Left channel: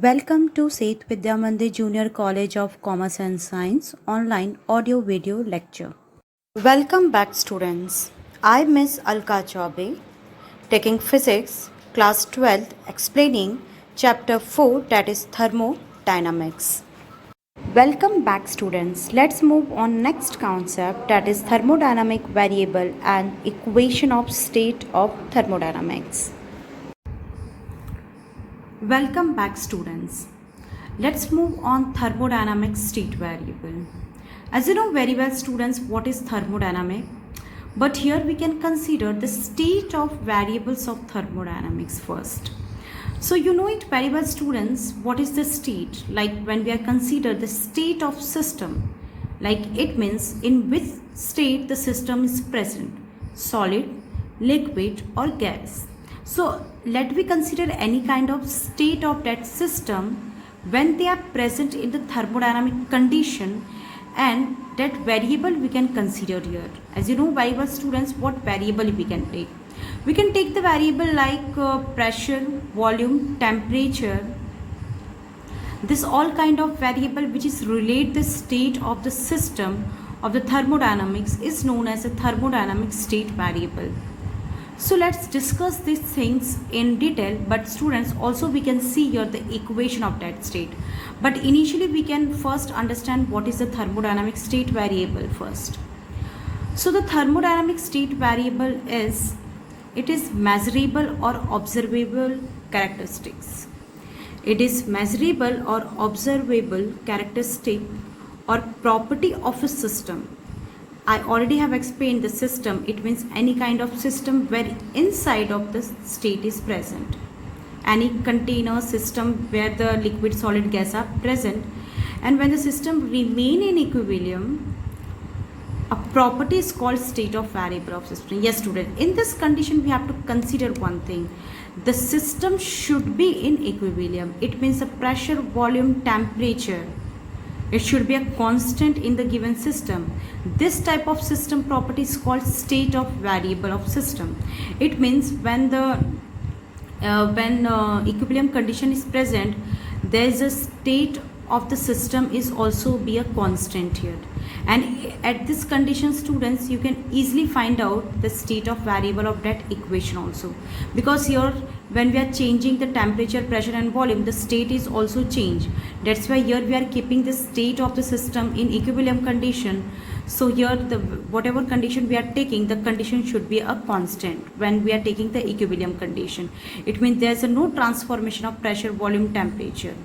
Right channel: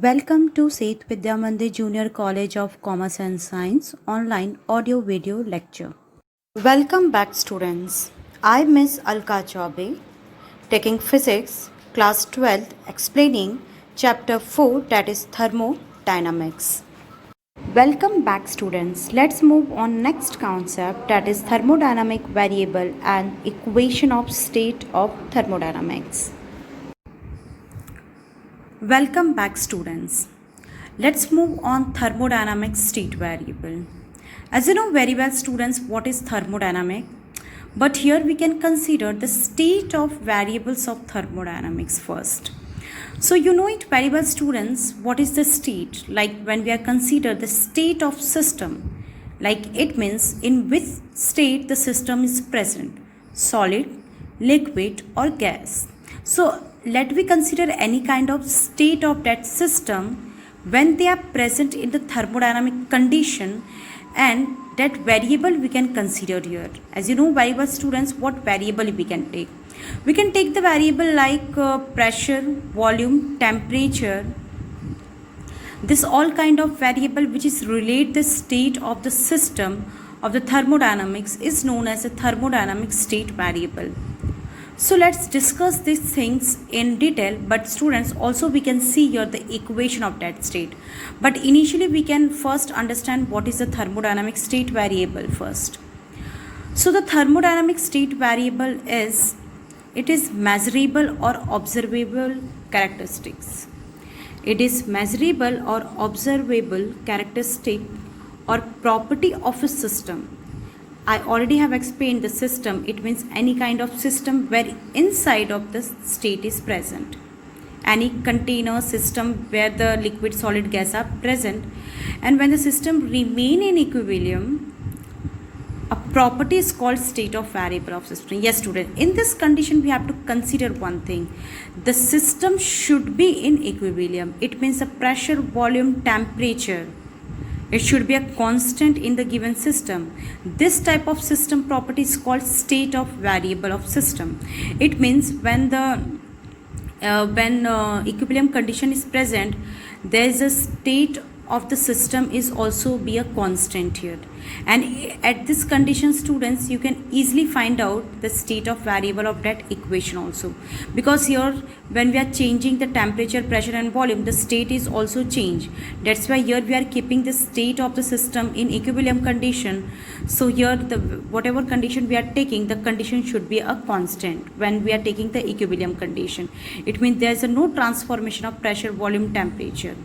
Welcome to Seth Vidya Mandir Junior College of Commerce and Science online audio video lecture. Welcome back students. I Miss Alka Chaube taking physics class 12th explaining chapter 4 that is thermodynamics. Welcome back students. Let's move on next concept that is thermodynamic variable and equation of state of thermodynamics. Welcome back students. Let's move on thermodynamic state variable. As you know very well students what is thermodynamic, but here we can consider the state of variables of thermodynamics first. So you know it very well students what is the state, like when we are consider the state of system, like it means in which state the system is present, solid, liquid or gas. So let we consider any kind of state of that system when they are present in the thermodynamic condition, and that variable we can consider here. As you know very well students what variable we can take. We can take the variable like pressure, volume, temperature. This all kind of variable which is relate the state of the system of the thermodynamics is known as a thermodynamic state variable. So let's discuss these things in detail, but students also we can see here the equation of that state. But initially we can first understand what is the thermodynamic state variable first. So the thermodynamic state variable is, it is measurable or observable characteristics. It is measurable or observable characteristic or property of a system. I already have explained the system. It means any kind of system where inside of the state is present. Any container system where the liquid, solid, gas are present. And when the system remain in equilibrium, a property is called state of variable of system. Yes student, in this condition we have to consider one thing. The system should be in equilibrium. It means the pressure, volume, temperature, it should be a constant in the given system. This type of system property is called state of variable of system. It means when the equilibrium condition is present, there is a state of the system is also be a constant here, and at this condition students you can easily find out the state of variable of that equation also, because here when we are changing the temperature, pressure and volume, the state is also changed. That's why here we are keeping the state of the system in equilibrium condition. So here the whatever condition we are taking, the condition should be a constant when we are taking the equilibrium condition. It means there is no transformation of pressure, volume, temperature.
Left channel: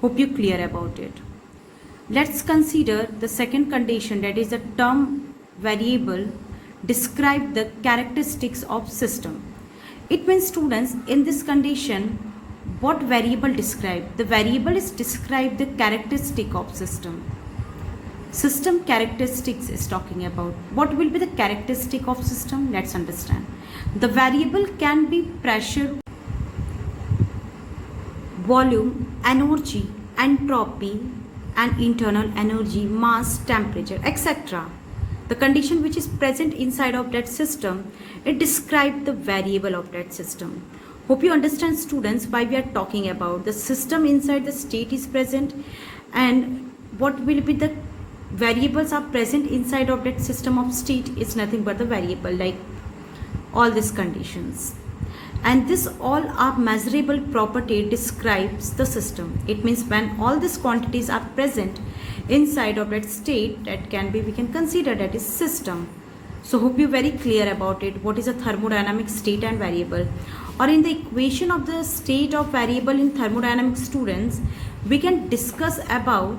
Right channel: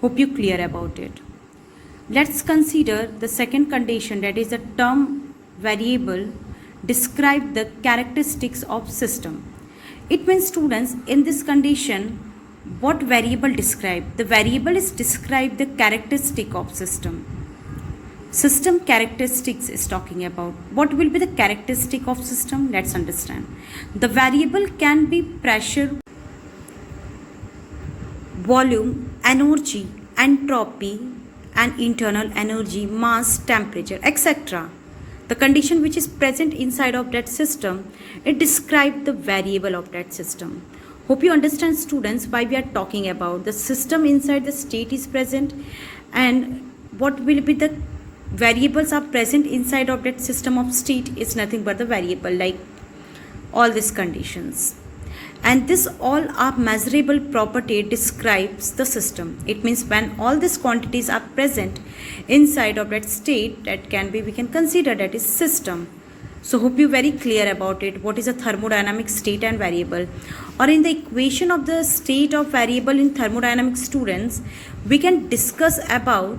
Hope you clear about it. Let's consider the second condition, that is a term variable describe the characteristics of system. It means students in this condition what variable describe? The variable is describe the characteristic of system. System characteristics is talking about. What will be the characteristic of system? Let's understand. The variable can be pressure, volume, energy, entropy and internal energy, mass, temperature, etc. The condition which is present inside of that system, it describes the variable of that system. Hope you understand students why we are talking about the system inside the state is present, and what will be the variables are present inside of that system of state is nothing but the variable, like all these conditions. And this all are measurable property describes the system. It means when all these quantities are present inside of that state, that can be, we can consider that is system. So hope you very clear about it. What is a thermodynamic state and variable? Or in the equation of the state of variable in thermodynamic students, we can discuss about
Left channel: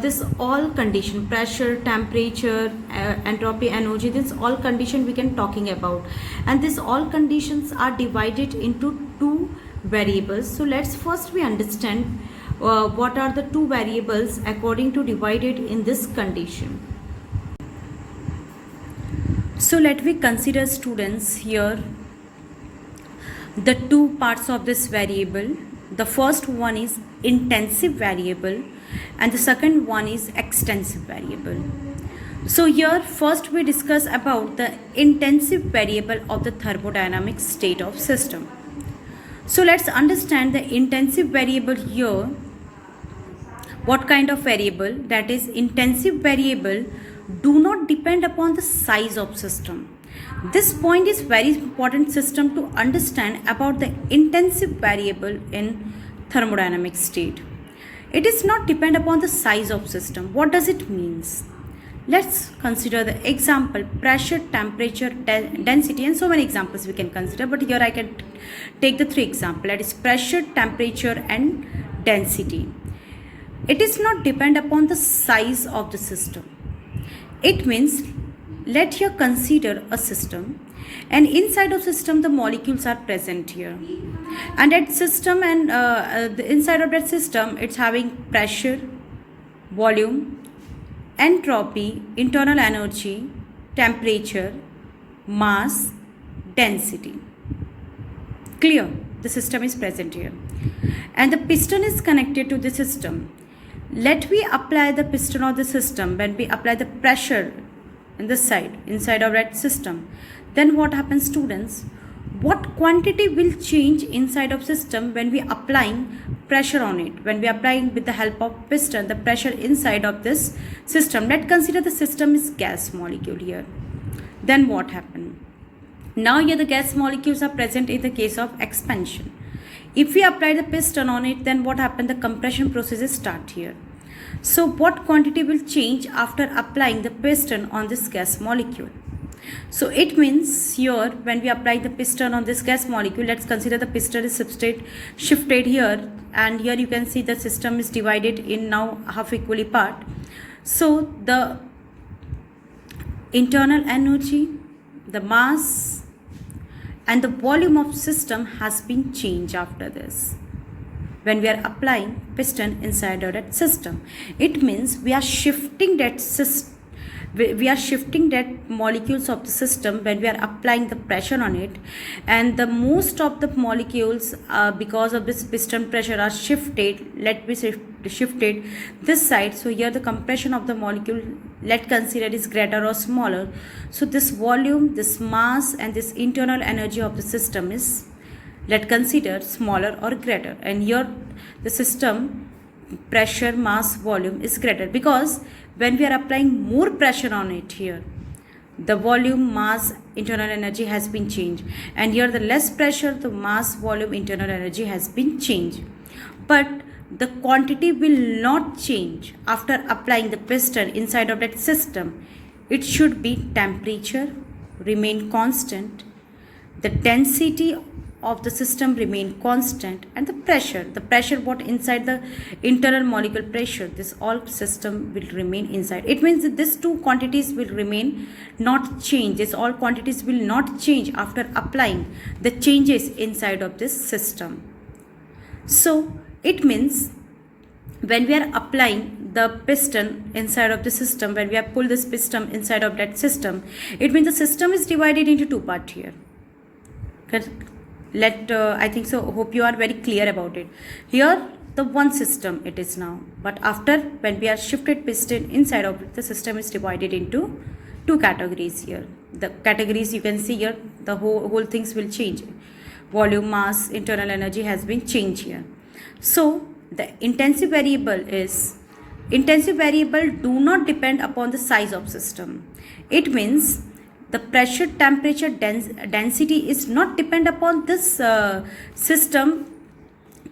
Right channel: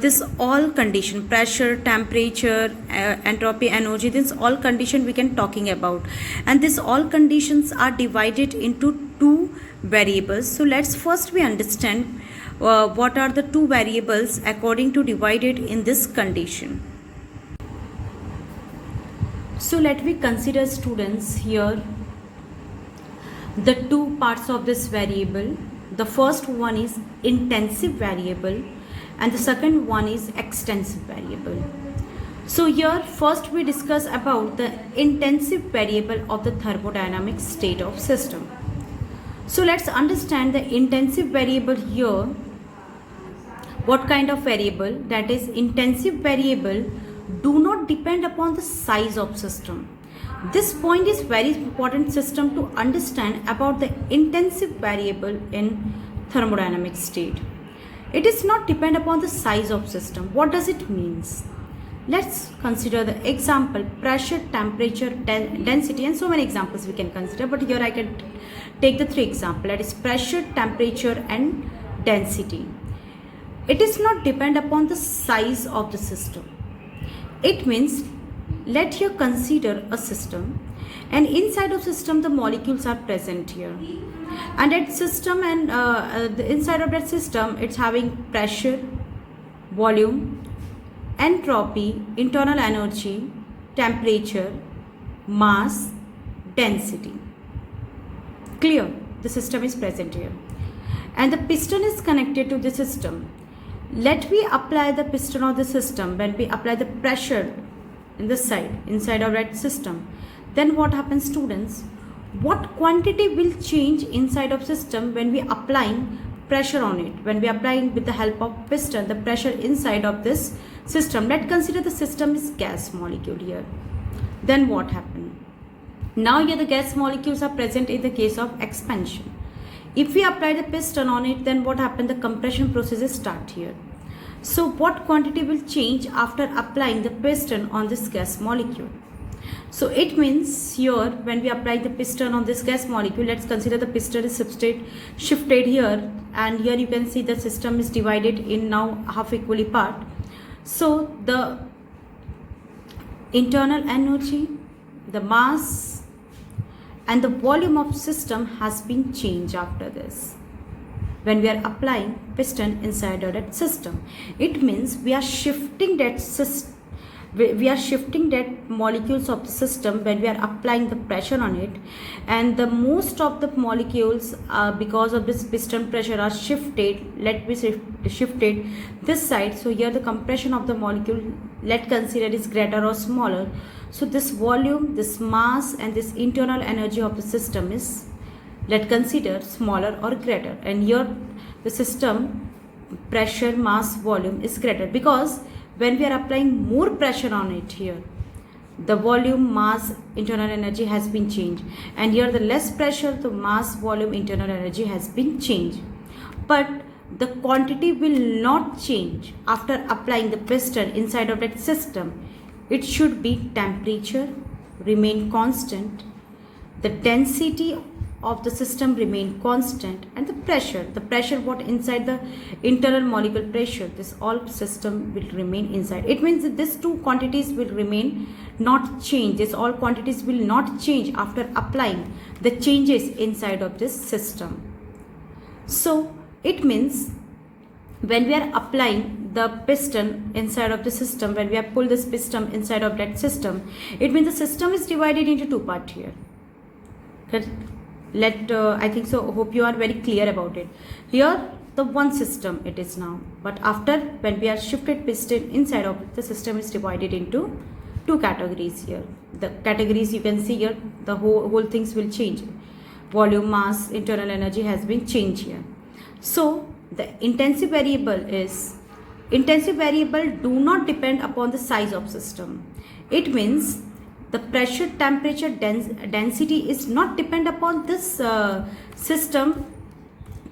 this all condition, pressure, temperature, entropy, energy, this all condition we can talking about, and this all conditions are divided into two variables. So let's first we understand what are the two variables according to divided in this condition. So let we consider students here the two parts of this variable. The first one is intensive variable and the second one is extensive variable. So here first we discuss about the intensive variable of the thermodynamic state of system. So let's understand the intensive variable here. What kind of variable? That is, intensive variable do not depend upon the size of system. This point is very important system to understand about the intensive variable in thermodynamic state. It is not depend upon the size of system. What does it means? Let's consider the example: pressure, temperature, density, and so many examples we can consider. But here I can take the three examples. That is pressure, temperature, and density. It is not depend upon the size of the system. It means, let here consider a system, and inside of system the molecules are present here, and that system and the inside of that system it's having pressure, volume, entropy, internal energy, temperature, mass, density. Clear? The system is present here, and the piston is connected to the system. Let me apply the piston of the system. When we apply the pressure in this side, inside of that system, then what happens, students? What quantity will change inside of system when we applying pressure on it? When we applying with the help of piston the pressure inside of this system, let's consider the system is gas molecule here. Then what happened? Now here the gas molecules are present in the case of expansion. If we apply the piston on it, then what happened? The compression processes start here. So what quantity will change after applying the piston on this gas molecule? So it means here when we apply the piston on this gas molecule, let's consider the piston is shifted here, and here you can see the system is divided in now half equally part. So the internal energy, the mass, and the volume of system has been changed after this when we are applying piston inside of that system. It means we are shifting that molecules of the system when we are applying the pressure on it, and the most of the molecules because of this piston pressure are shifted. Let me shifted this side. So here the compression of the molecule, let's consider, is greater or smaller. So this volume, this mass, and this internal energy of the system is, let's consider, smaller or greater. And here the system pressure, mass, volume is greater, because when we are applying more pressure on it here, the volume, mass, internal energy has been changed, and here the less pressure, the mass, volume, internal energy has been changed. But the quantity will not change after applying the piston inside of that system. It should be temperature remain constant, the density of the system remain constant, and the pressure what inside the internal molecule pressure, this all system will remain inside. It means that these two quantities will remain not change. This all quantities will not change after applying the changes inside of this system. So it means when we are applying the piston inside of the system, when we have pulled this piston inside of that system, it means the system is divided into two parts here. I think so, hope you are very clear about it. Here the one system it is now, but after when we are shifted piston inside of it, the system is divided into two categories here. The categories you can see here, the whole things will change. Volume, mass, internal energy has been changed here. So the intensive variable do not depend upon the size of system. It means the pressure, temperature, density is not depend upon this system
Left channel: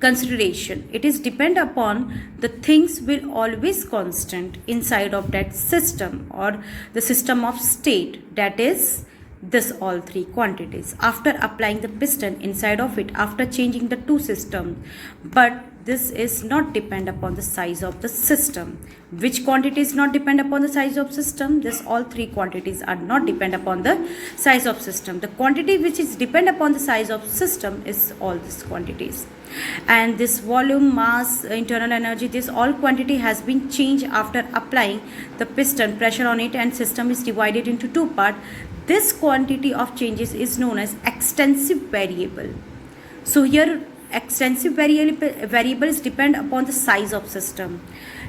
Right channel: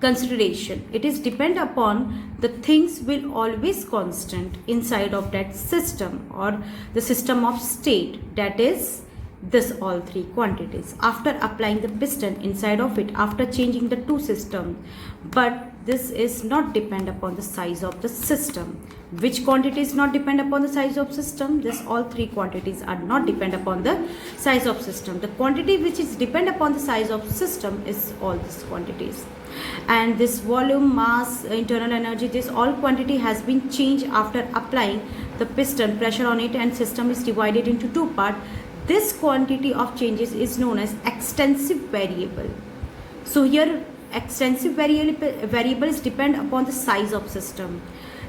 consideration. It is depend upon the things will always constant inside of that system or the system of state, that is this all three quantities after applying the piston inside of it, after changing the two systems. But this is not depend upon the size of the system. Which quantities not depend upon the size of system? This all three quantities are not depend upon the size of system. The quantity which is depend upon the size of system is all these quantities. And this volume, mass, internal energy, this all quantity has been changed after applying the piston pressure on it, and system is divided into two parts. This quantity of changes is known as extensive variable. So here extensive variables depend upon the size of system.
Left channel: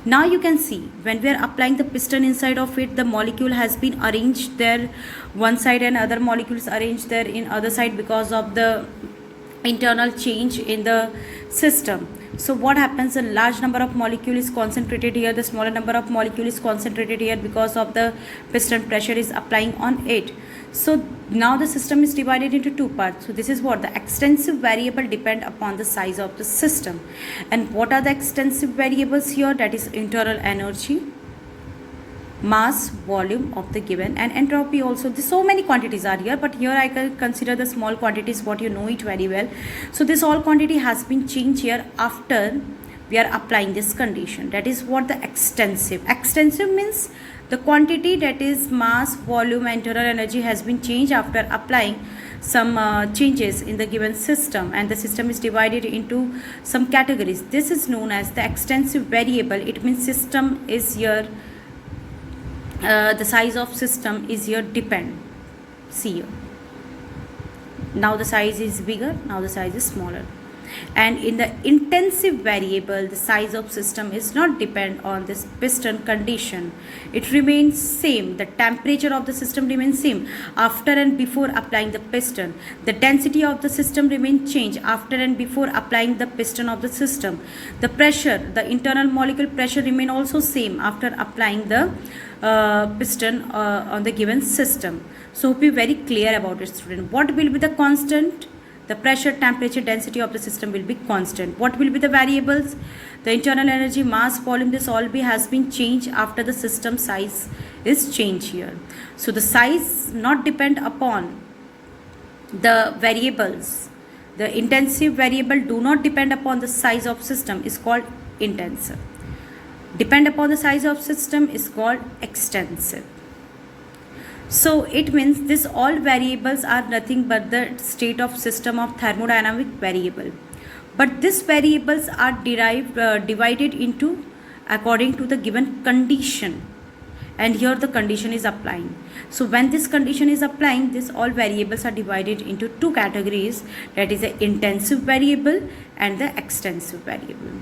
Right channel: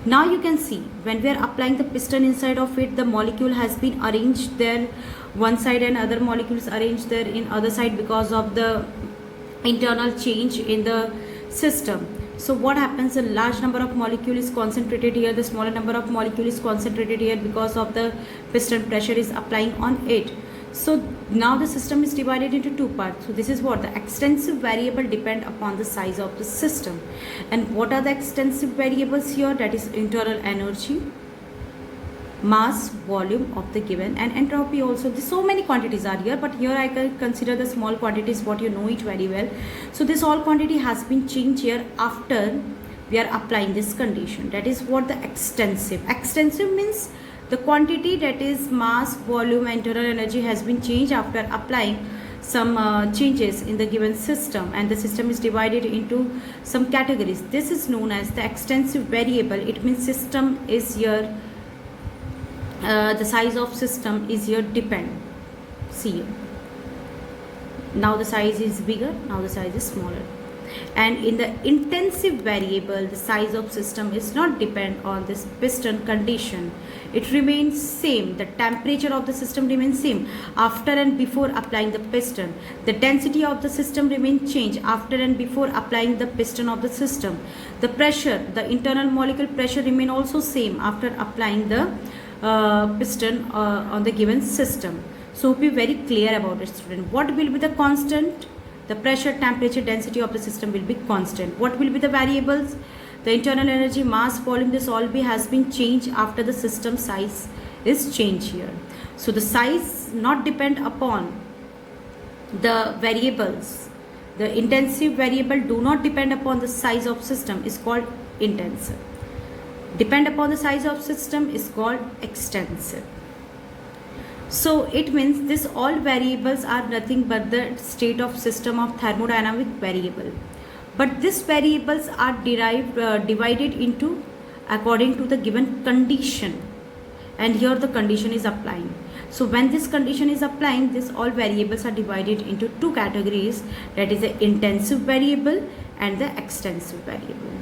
Now you can see when we are applying the piston inside of it, the molecule has been arranged there one side and other molecules arranged there in other side because of the internal change in the system. So what happens, a large number of molecule is concentrated here, the smaller number of molecule is concentrated here because of the piston pressure is applying on it. So now the system is divided into two parts. So this is what the extensive variable depend upon the size of the system. And what are the extensive variables here? That is internal energy, mass, volume of the given, and entropy also. There's so many quantities are here, but here I can consider the small quantities, what you know it very well. So this all quantity has been changed here after we are applying this condition. That is what the extensive means the quantity, that is mass, volume, and internal energy has been changed after applying some changes in the given system, and the system is divided into some categories. This is known as the extensive variable. It means system is here, the size of system is here depend. See here, now the size is bigger, now the size is smaller. And in the intensive variable, the size of system is not depend on this piston condition. It remains same. The temperature of the system remains same after and before applying the piston. The density of the system remains changed after and before applying the piston of the system. The pressure, the internal molecule pressure remain also same after applying the piston on the given system. So be very clear about it, student. What will be the constant? The pressure, temperature, density of the system will be constant. What will be the variables? The internal energy, mass, volume, this all has been changed after the system size is changed here. So the size not depend upon the variables. The intensive variable do not depend upon the size of system is called intensive. Depend upon the size of system is called extensive. So it means this all variables are nothing but the state of system of thermodynamic variable. But these variables are divided into according to the given condition. And here the condition is applying. So when this condition is applying, this all variables are divided into two categories. That is the intensive variable and the extensive variable.